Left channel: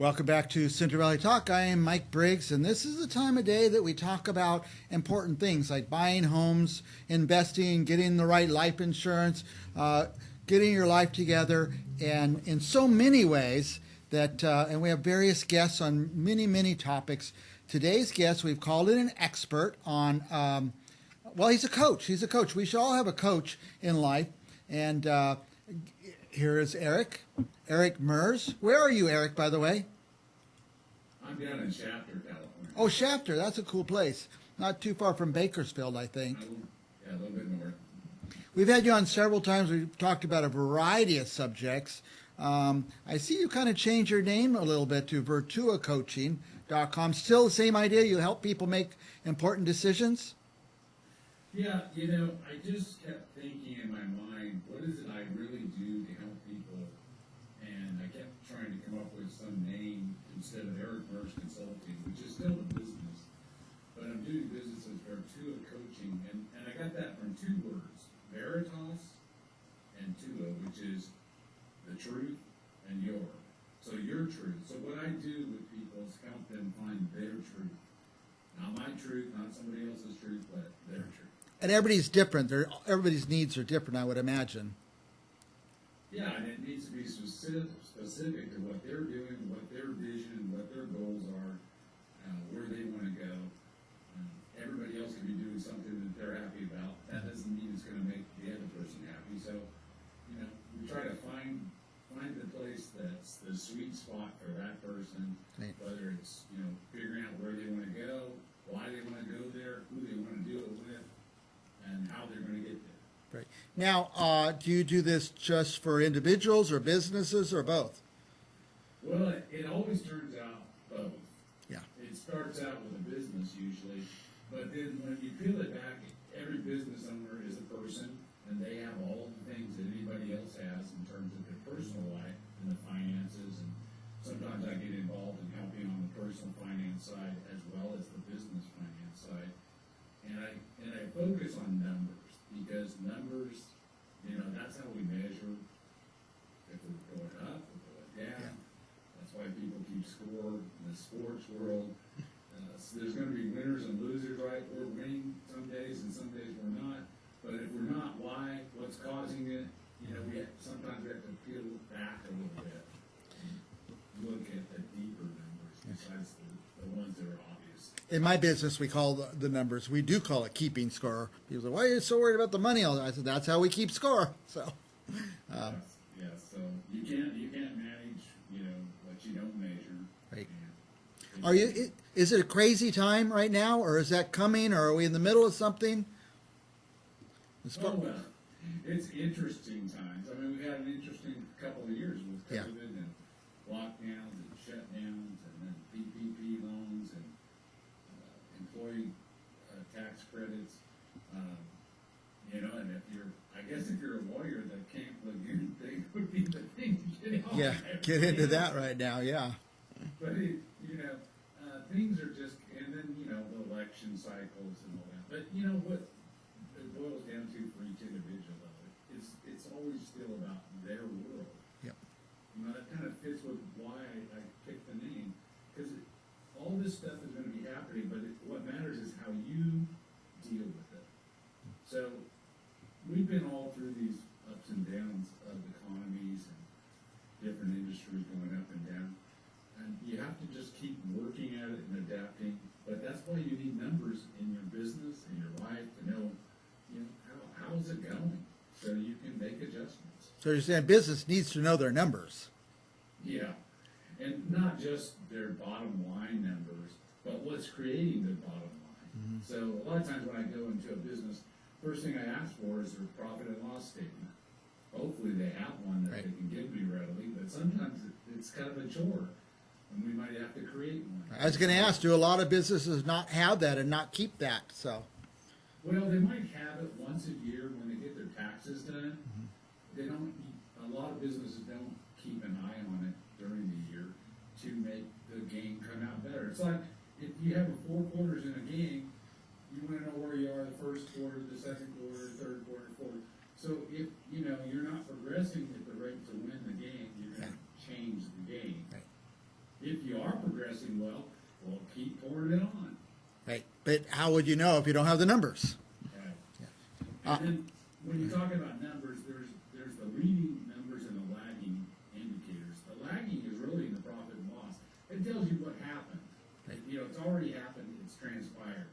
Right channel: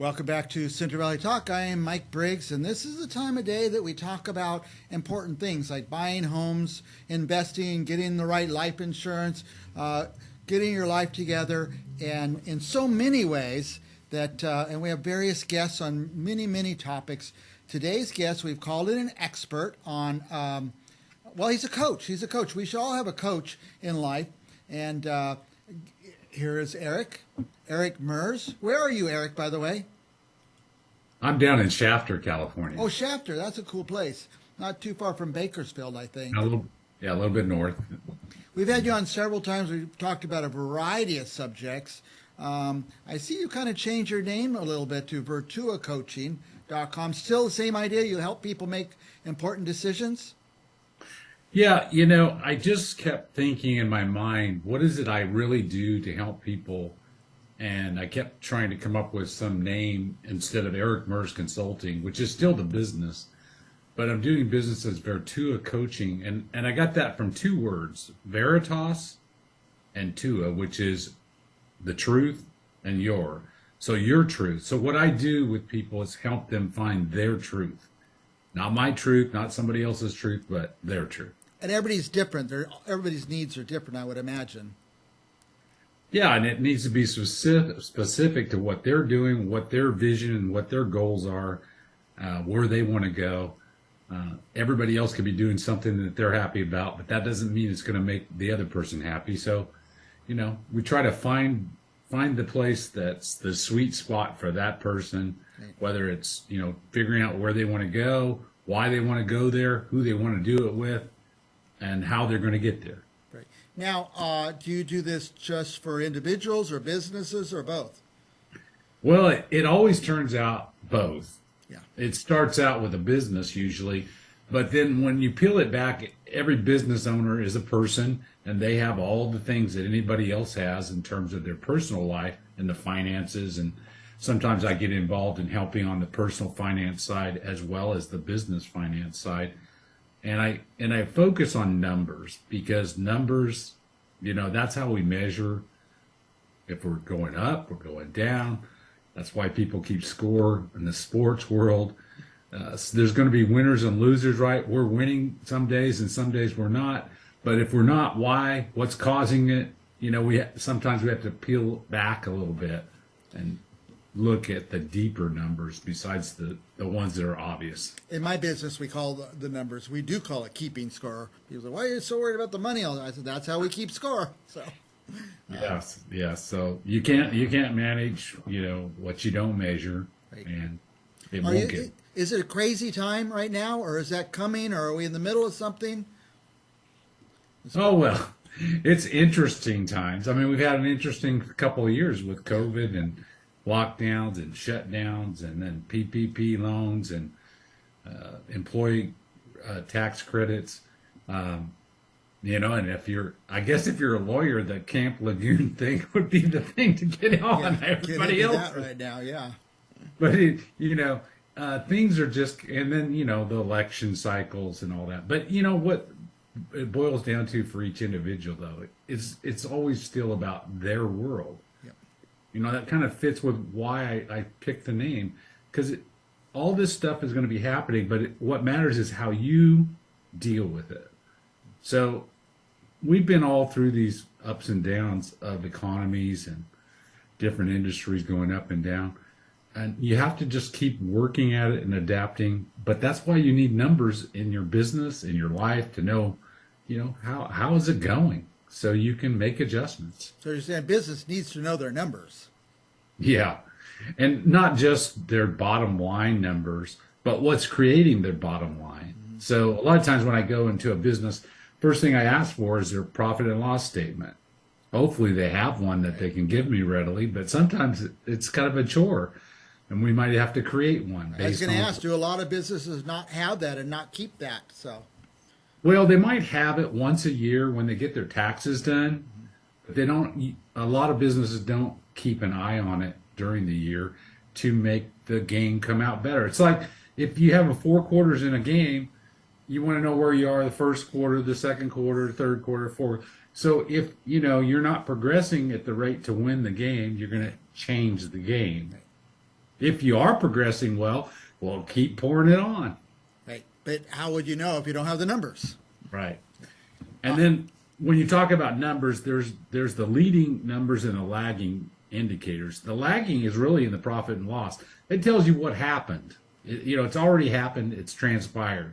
Welcome back to Central Valley Talk. I am Mike Briggs, and this is the time of day that we talk about important things like buying homes, investing, getting the right life insurance, getting your life together, and in so many ways that, and we have various guests on many topics. Today's guest, we've called it an expert on, well, he's a coach. He's a coach. We should all have a coach in life. And here is Eric Merz. Where are you, Eric, by the way? I'm down in Shafter, California. Oh, Shafter. That's a cool place. Not too far from Bakersfield, I think. A little bit north. We've had you on several times. We've talked about a variety of subjects. I see you kind of changed your name a little bit to VertuaCoaching.com. Still the same idea? You help people make important decisions? Yeah, I just kept thinking in my mind, what is it I really do to help people? And I kept trying to come up with some name instead of Eric Merz Consulting, which is still the business. But I'm doing business as Vertua Coaching. And I got that from two words, Veritas and Tua, which is the truth and your. So your truth. So what I do with people is help them find their truth. Not my truth, not somebody else's truth, but their truth. And everybody's different. Everybody's needs are different, I would imagine. Yeah, and it needs to be specific to what they're doing, what their vision and what their goals are, where they want to go. Everybody else could be doing something that they're happy about, but that doesn't mean it's going to make the other person happy. So, we try to find the place that's the sweet spot for that person, right. Whether it's, figuring out where they want to go, why they want to go there, who they want to do it with, and how they're going to get there. Right. Now, do you do this just for individuals or businesses or both? Well, it always turns out both. Yeah. It starts out with a business usually, but then when you peel it back, every business owner is a person, and they have all the things that anybody else has in terms of their personal life and the finances. And sometimes I get involved in helping on the personal finance side as well as the business finance side. And I focus on numbers because numbers, that's how we measure if we're going up or going down. That's why people keep score in the sports world. So there's going to be winners and losers, right? We're winning some days and some days we're not. But if we're not, why? What's causing it? Sometimes we have to peel back a little bit and look at the deeper numbers besides the ones that are obvious. In my business, we call the numbers, we do call it keeping score. People say, why are you so worried about the money? I said, that's how we keep score. So, yes. So you can't manage, what you don't measure. Right. And is it a crazy time right now, or is that coming, or are we in the middle of something? Oh, well, it's interesting times. I mean, we've had an interesting couple of years with COVID and lockdowns and shutdowns, and then PPP loans and employee tax credits. And if you're a lawyer, the Camp Lejeune thing would be the thing to get on. Yeah, get into that right now, yeah. But things are just, and then the election cycles and all that. But what it boils down to for each individual, though, it's always still about their world. That kind of fits with why I picked the name, because all this stuff is going to be happening, but what matters is how you deal with it. So we've been all through these ups and downs of economies and different industries going up and down, and you have to just keep working at it and adapting. But that's why you need numbers in your business, in your life, to know, how is it going? So you can make adjustments. So you're saying business needs to know their numbers. Yeah. And not just their bottom line numbers, but what's creating their bottom line. Mm-hmm. So a lot of times when I go into a business, first thing I ask for is their profit and loss statement. Hopefully they have one that they can give me readily, but sometimes it's kind of a chore, and we might have to create one. I was going to ask, do a lot of businesses not have that and not keep that? Well, they might have it once a year when they get their taxes done, but they don't. A lot of businesses don't keep an eye on it during the year to make the game come out better. It's like if you have 4 quarters in a game, you want to know where you are the first quarter, the second quarter, third quarter, fourth. So if you're not progressing at the rate to win the game, you're going to change the game. If you are progressing well, keep pouring it on. Right. But how would you know if you don't have the numbers? Right. And then when you talk about numbers, there's the leading numbers and the lagging indicators. The lagging is really in the profit and loss. It tells you what happened. It's already happened. It's transpired.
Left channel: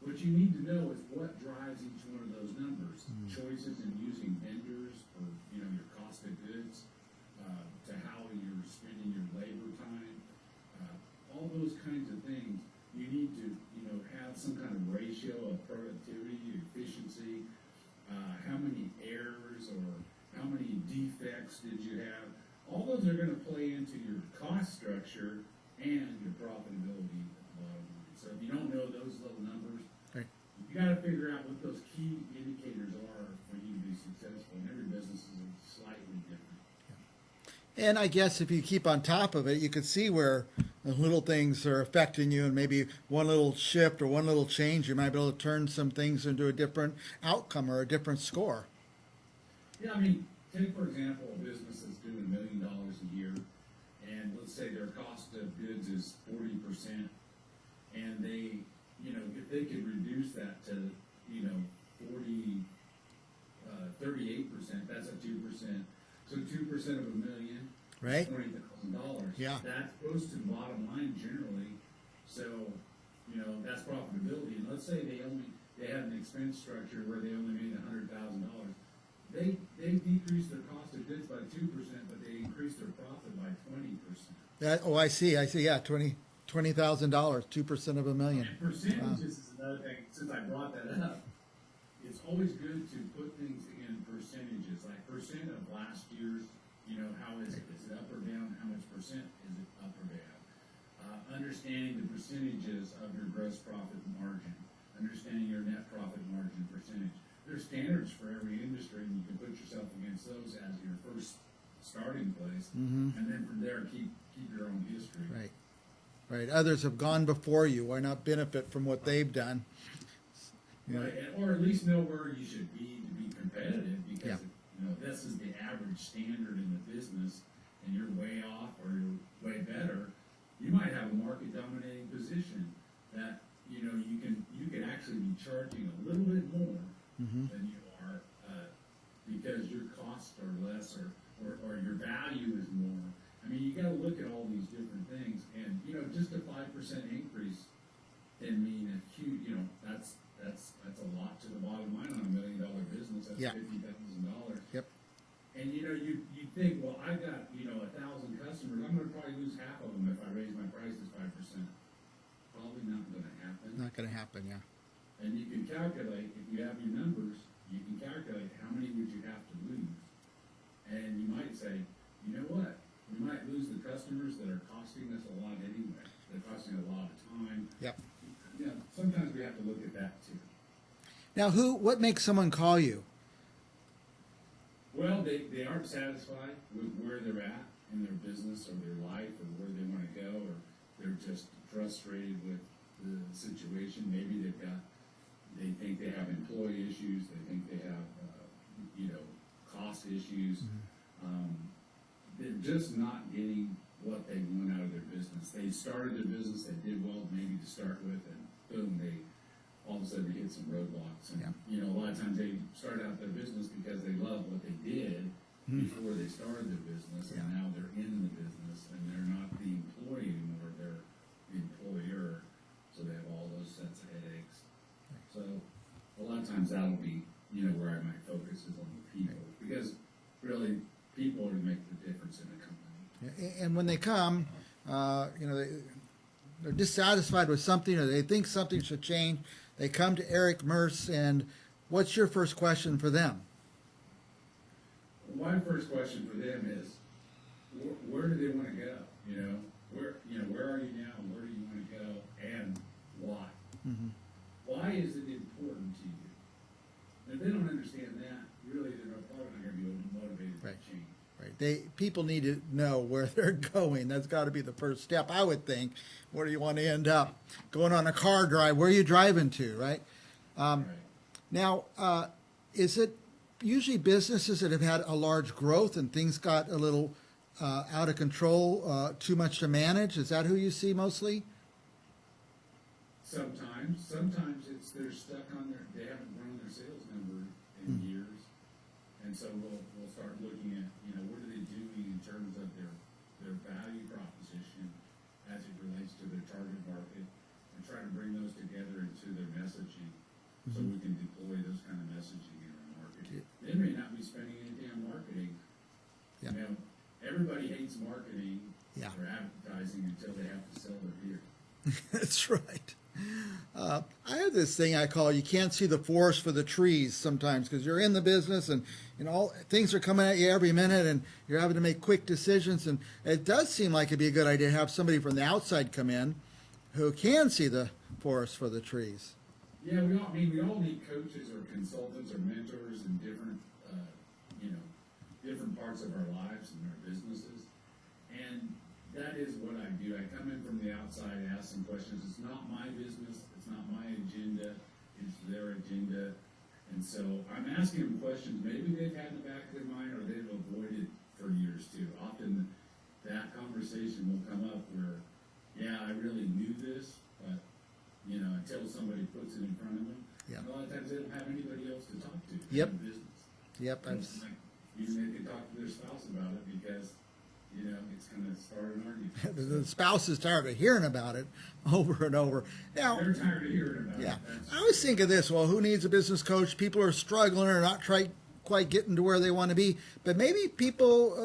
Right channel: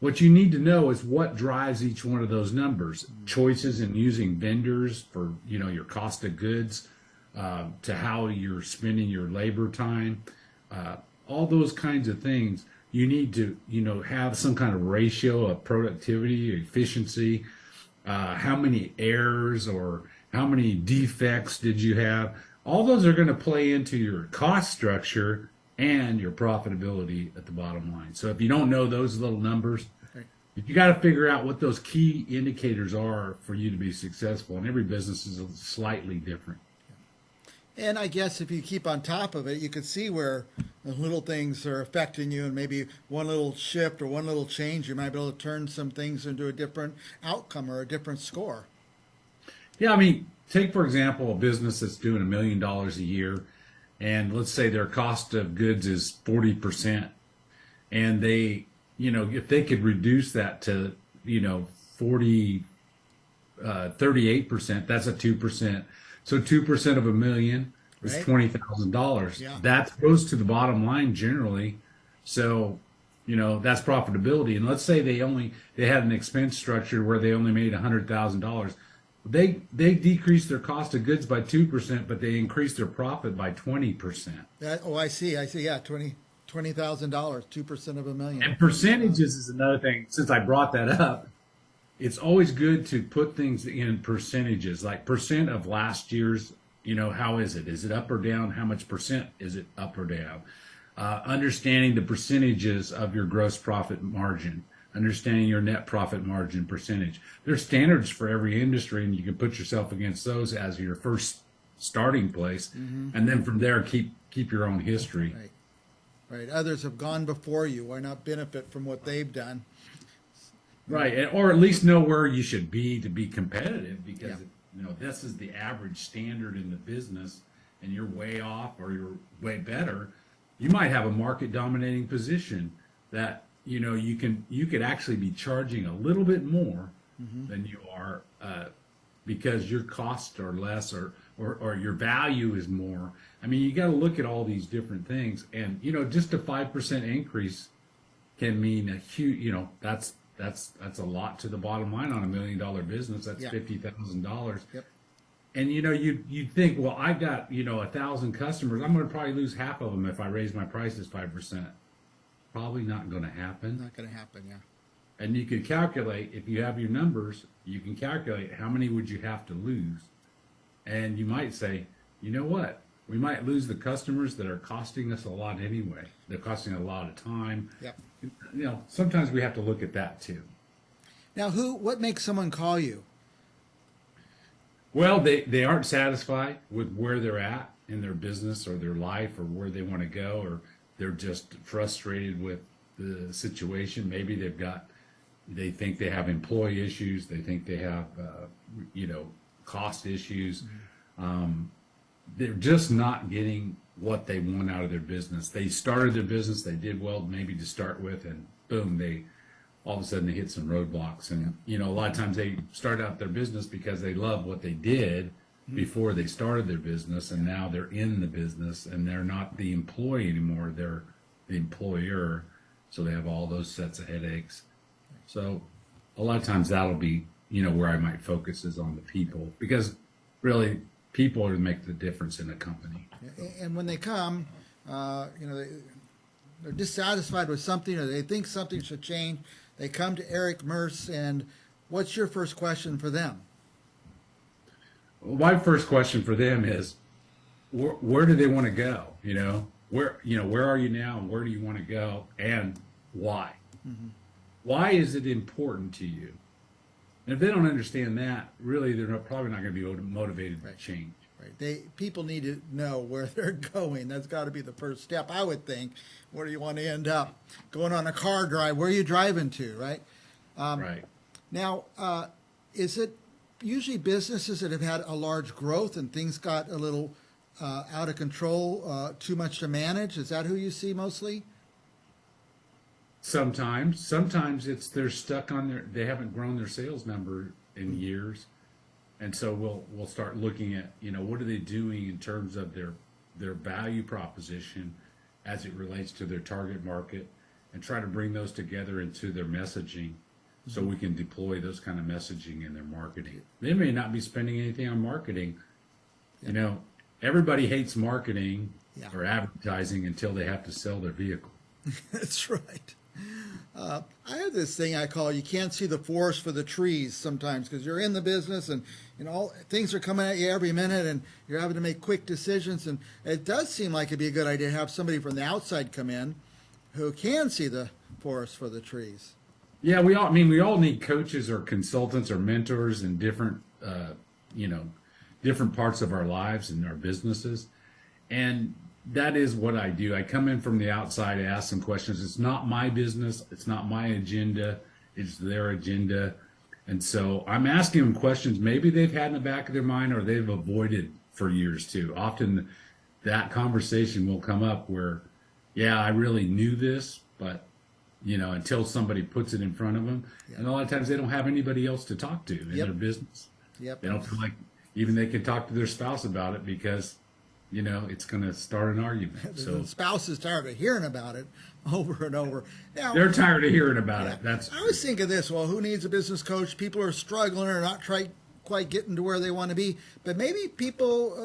What you need to know is what drives each one of those numbers. Choices in using vendors for, your cost of goods, to how you're spending your labor time, all those kinds of things. You need to, have some kind of ratio of productivity, efficiency, how many errors or how many defects did you have. All those are going to play into your cost structure and your profitability at the bottom line. So if you don't know those little numbers, Right. you got to figure out what those key indicators are for you to be successful. And every business is slightly different. And I guess if you keep on top of it, you can see where the little things are affecting you, and maybe one little shift or one little change, you might be able to turn some things into a different outcome or a different score. Yeah, I mean, take for example a business that's doing $1 million a year, and let's say their cost of goods is 40%, and they, if they could reduce that to, 38%, that's a 2%. So 2% of $1 million is Right. $20,000. Yeah. That goes to the bottom line generally. So, that's profitability. And let's say they had an expense structure where they only made $100,000. They decreased their cost of goods by 2%, but they increased their profit by 20%. I see. Yeah, $20,000, 2% of $1 million. And percentages is another thing. Since I brought that up, it's always good to put things in percentages, like percent of last year's, how is it? Is it up or down? How much percent is it up or down? Understanding the percentages of your gross profit margin, understanding your net profit margin percentage. There's standards for every industry, and you can put yourself against those as your first starting place, and then from there keep your own history. Right. Right. Others have gone before you. Why not benefit from what they've done? Right, or at least know where you should be to be competitive, because Yeah. this is the average standard in the business, and you're way off or you're way better. You might have a market dominating position that you could actually be charging a little bit more than you are, because your costs are less, or your value is more. I mean, you got to look at all these different things, and just a 5% increase can mean a huge. That's a lot to the bottom line on $1 million business. That's $50,000. Yep. And you think, well, I got 1,000 customers. I'm going to probably lose half of them if I raise my prices 5%. Probably not going to happen. Not going to happen. Yeah. And you can calculate, if you have your numbers, you can calculate how many would you have to lose. And you might say, you know what? We might lose the customers that are costing us a lot anyway. They're costing a lot of time. Yep. Sometimes we have to look at that too. Now, what makes someone call you? Well, they aren't satisfied with where they're at in their business or their life or where they want to go, or they're just frustrated with the situation. Maybe they think they have employee issues. They think they have, cost issues. They're just not getting what they want out of their business. They started their business, they did well maybe to start with, and boom, all of a sudden they hit some roadblocks. And a lot of times they start out their business because they love what they did before they started their business, and now they're in the business and they're not the employee anymore, they're the employer. So they have all those sets of headaches. So a lot of times that'll be where I might focus is on the people, because really people are to make the difference in a company. And when they come, they're dissatisfied with something, or they think something should change. They come to Eric Merz, and what's your first question for them? My first question for them is, where do they want to go? Where are you now, and where do you want to go, and why? Why is it important to you? And if they don't understand that, really, they're probably not going to be motivated to change. Right. People need to know where they're going. That's got to be the first step, I would think. Where do you want to end up? Going on a car drive, where are you driving to, right? Right. Now, is it usually businesses that have had a large growth and things got a little out of control, too much to manage? Is that who you see mostly? Sometimes it's they're stuck on they haven't grown their sales number in years, and so we'll start looking at what are they doing in terms of their value proposition as it relates to their target market, and try to bring those together into their messaging, so we can deploy those kind of messaging in their marketing. They may not be spending anything on marketing. Everybody hates marketing or advertising until they have to sell their vehicle. That's right. I have this thing I call you can't see the forest for the trees sometimes, because you're in the business and all things are coming at you every minute and you're having to make quick decisions, and it does seem like it'd be a good idea to have somebody from the outside come in who can see the forest for the trees. Yeah, we all need coaches or consultants or mentors in different different parts of our lives and our businesses, and that is what I do. I come in from the outside to ask some questions. It's not my business. It's not my agenda. It's their agenda. And so I'm asking them questions maybe they've had in the back of their mind or they've avoided for years too. Often that conversation will come up where, yeah, I really knew this, but, until somebody puts it in front of them. Yep. And a lot of times they don't have anybody else to talk to in their business. Yep. They don't feel like even they can talk to their spouse about it because it's going to start an argument. So, the spouse is tired of hearing about it over and over. Now, they're tired of hearing about it. I always think of this, well, who needs a business coach? People are struggling or not quite getting to where they want to be. But maybe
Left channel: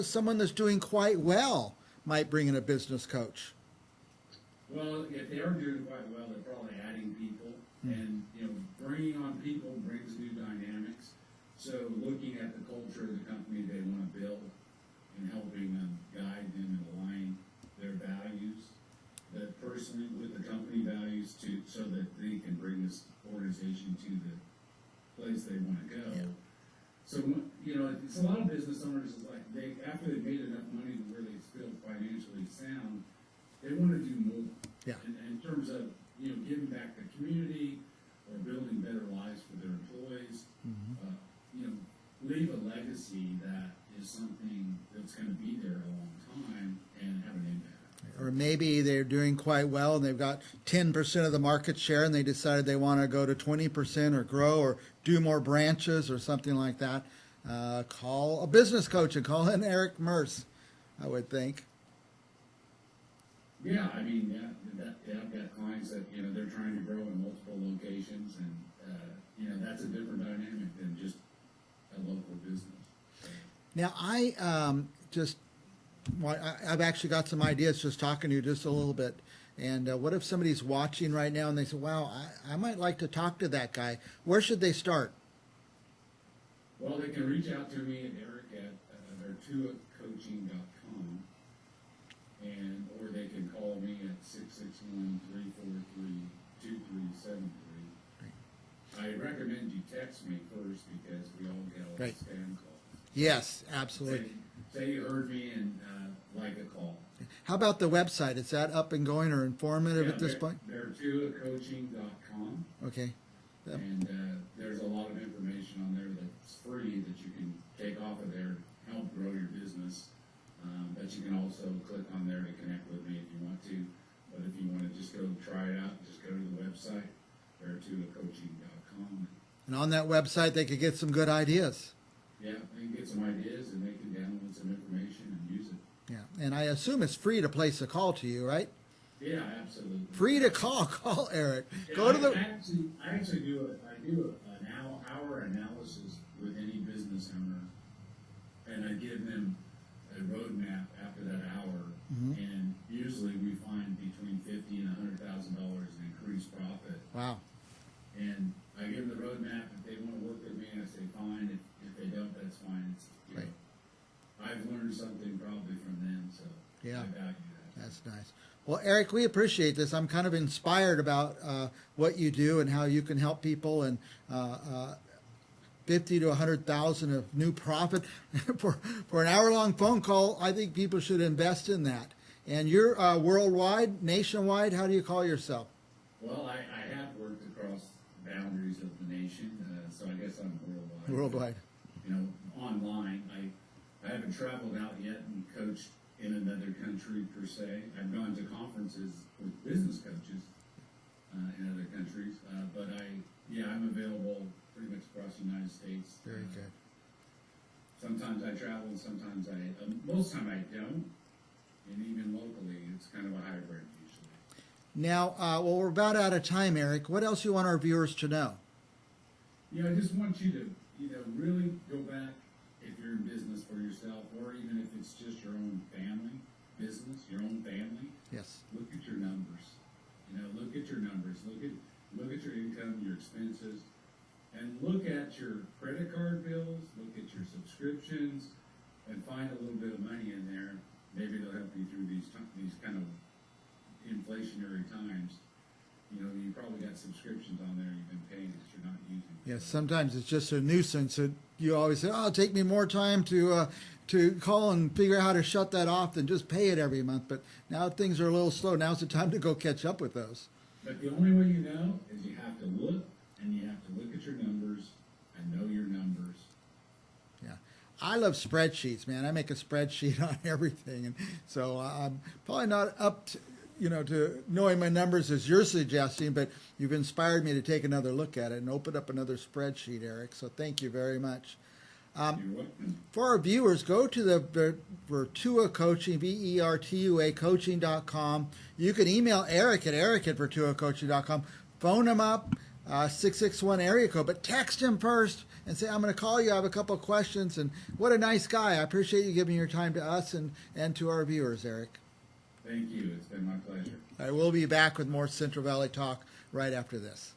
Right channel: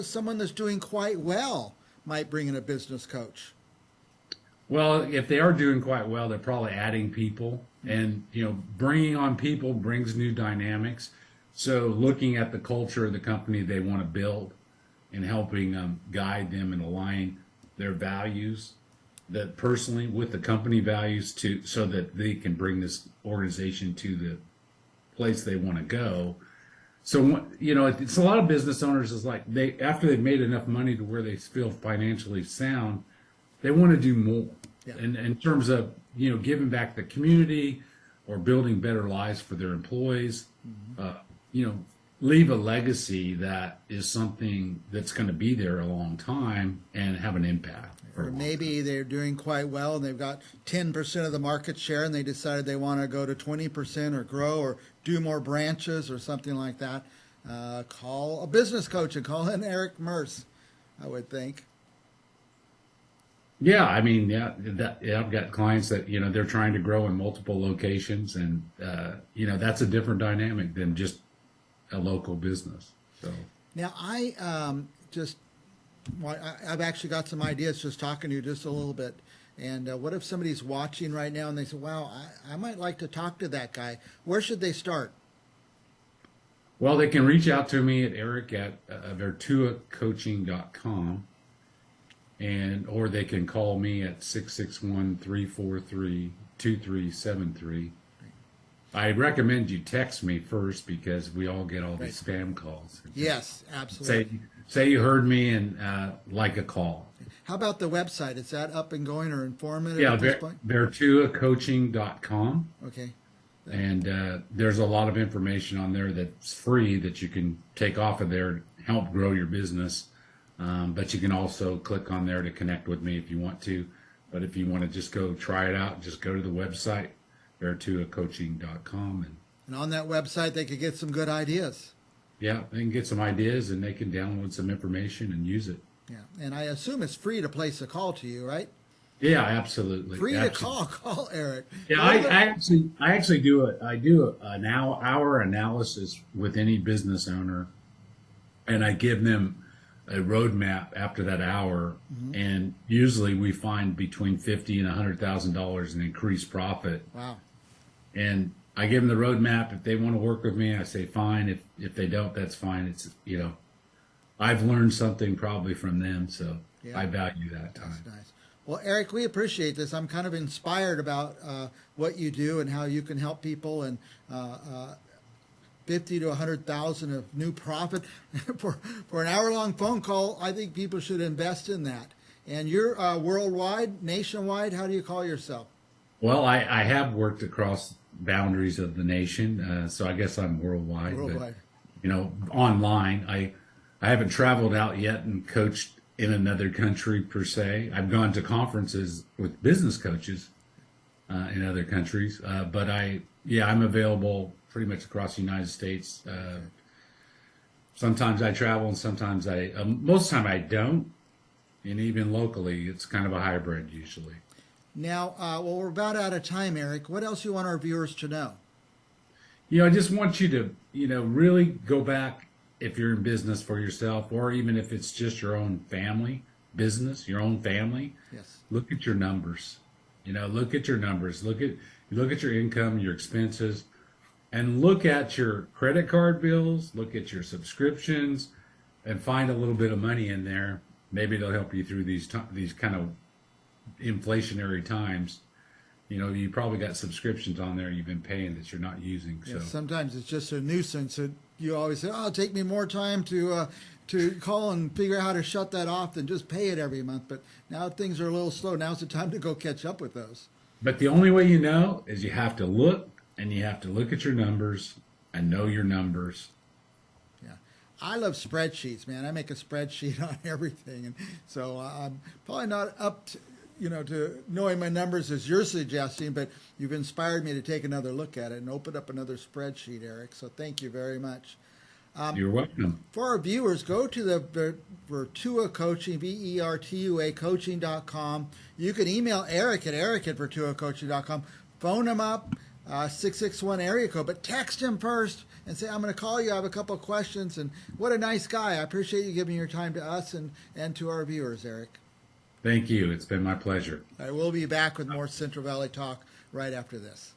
someone that's doing quite well might bring in a business coach. Well, if they are doing quite well, they're probably adding people. And, bringing on people brings new dynamics. So looking at the culture of the company they want to build, and helping guide them and align their values that personally with the company values so that they can bring this organization to the place they want to go. So, it's a lot of business owners is like after they've made enough money to where they feel financially sound, they want to do more. Yeah. And in terms of, giving back the community or building better lives for their employees, leave a legacy that is something that's going to be there a long time and have an impact. Or maybe they're doing quite well and they've got 10% of the market share and they decided they want to go to 20% or grow or do more branches or something like that. Call a business coach and call in Eric Merz, I would think. Yeah, I've got clients that, they're trying to grow in multiple locations, and, that's a different dynamic than just a local business. So now I've actually got some ideas just talking to you just a little bit. And what if somebody's watching right now and they say, wow, I might like to talk to that guy. Where should they start? Well, they can reach out to me at Eric at vertuacoaching.com, or they can call me at 661-343-2373. I recommend you text me first because we all get all these spam calls. Yes, absolutely. Say you heard me and like a call. How about the website? Is that up and going or informative at this point? VertuaCoaching.com. Okay. And there's a lot of information on there that's free that you can take off of there to help grow your business. But you can also click on there to connect with me if you want to. But if you want to just go try it out, just go to the website, VertuaCoaching.com. And on that website, they could get some good ideas. Yeah, they can get some ideas and they can download some information and use it. Yeah, and I assume it's free to place a call to you, right? Yeah, absolutely. Free to call Eric. Yeah, I actually do an hour analysis with any business owner, and I give them a roadmap after that hour, and usually we find between $50,000 and $100,000 in increased profit. Wow! And I give them the roadmap. If they want to work with me, I say fine. If they don't, that's fine. It's I've learned something probably from them, so I value that time. That's nice. Well, Eric, we appreciate this. I'm kind of inspired about what you do and how you can help people, and 50 to 100,000 of new profit for an hour-long phone call. I think people should invest in that. And you're worldwide, nationwide. How do you call yourself? Well, I have worked across boundaries of the nation, so I guess I'm worldwide. Worldwide. But, online, I I haven't traveled out yet and coached in another country per se. I've gone to conferences with business coaches in other countries, but I'm available pretty much across the United States. Sometimes I travel, and sometimes most of the time I don't, and even locally, it's kind of a hybrid usually. Now, well, we're about out of time, Eric. What else do you want our viewers to know? I just want you to, really go back if you're in business for yourself, or even if it's just your own family business, your own family. Yes. Look at your numbers. Look at your numbers. Look at your income, your expenses, and look at your credit card bills. Look at your subscriptions, and find a little bit of money in there. Maybe it'll help you through these kind of inflationary times. You probably got subscriptions on there you've been paying that you're not using. Yeah, So. sometimes it's just a nuisance. You always say, "Oh, it'll take me more time to call and figure out how to shut that off than just pay it every month." But now things are a little slow. Now's the time to go catch up with those. But the only way is you have to look, and you have to look at your numbers and know your numbers. Yeah, I love spreadsheets, man. I make a spreadsheet on everything, and so I'm probably not up to knowing my numbers as you're suggesting, but you've inspired me to take another look at it and open up another spreadsheet, Eric. So thank you very much. You're welcome. For our viewers, go to the Vertua Coaching, Vertua Coaching.com. You can email Eric at Vertuacoaching.com. Phone him up, 661 area code, but text him first and say, "I'm going to call you. I have a couple of questions." And what a nice guy. I appreciate you giving your time to us and to our viewers, Eric. Thank you. It's been my pleasure. I will be back with more Central Valley Talk right after this.